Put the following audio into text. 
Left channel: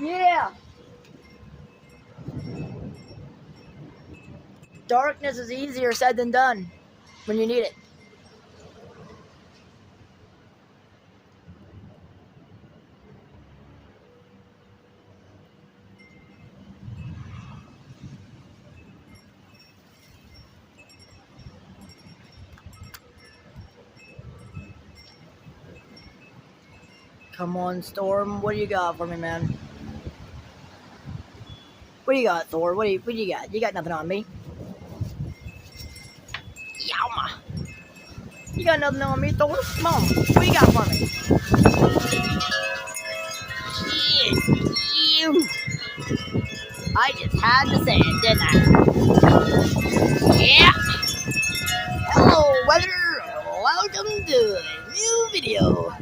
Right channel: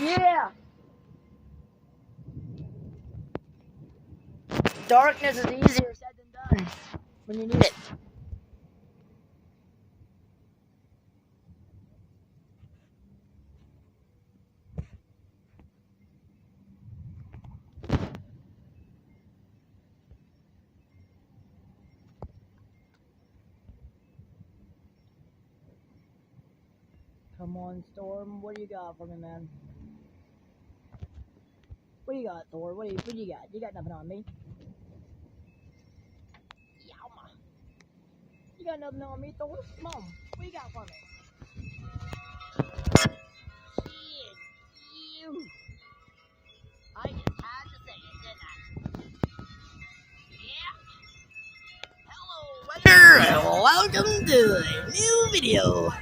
Yeah! Darkness is easier said than done when you need it. Come on, Storm. What do you got for me, man? What do you got, Thor? What do you got? You got nothing on me. Yowma. You got nothing on me, Thor? Come on. What do you got for me? Shit. You. I just had to say it, didn't I? Yeah. Hello, weather. Welcome to a new video.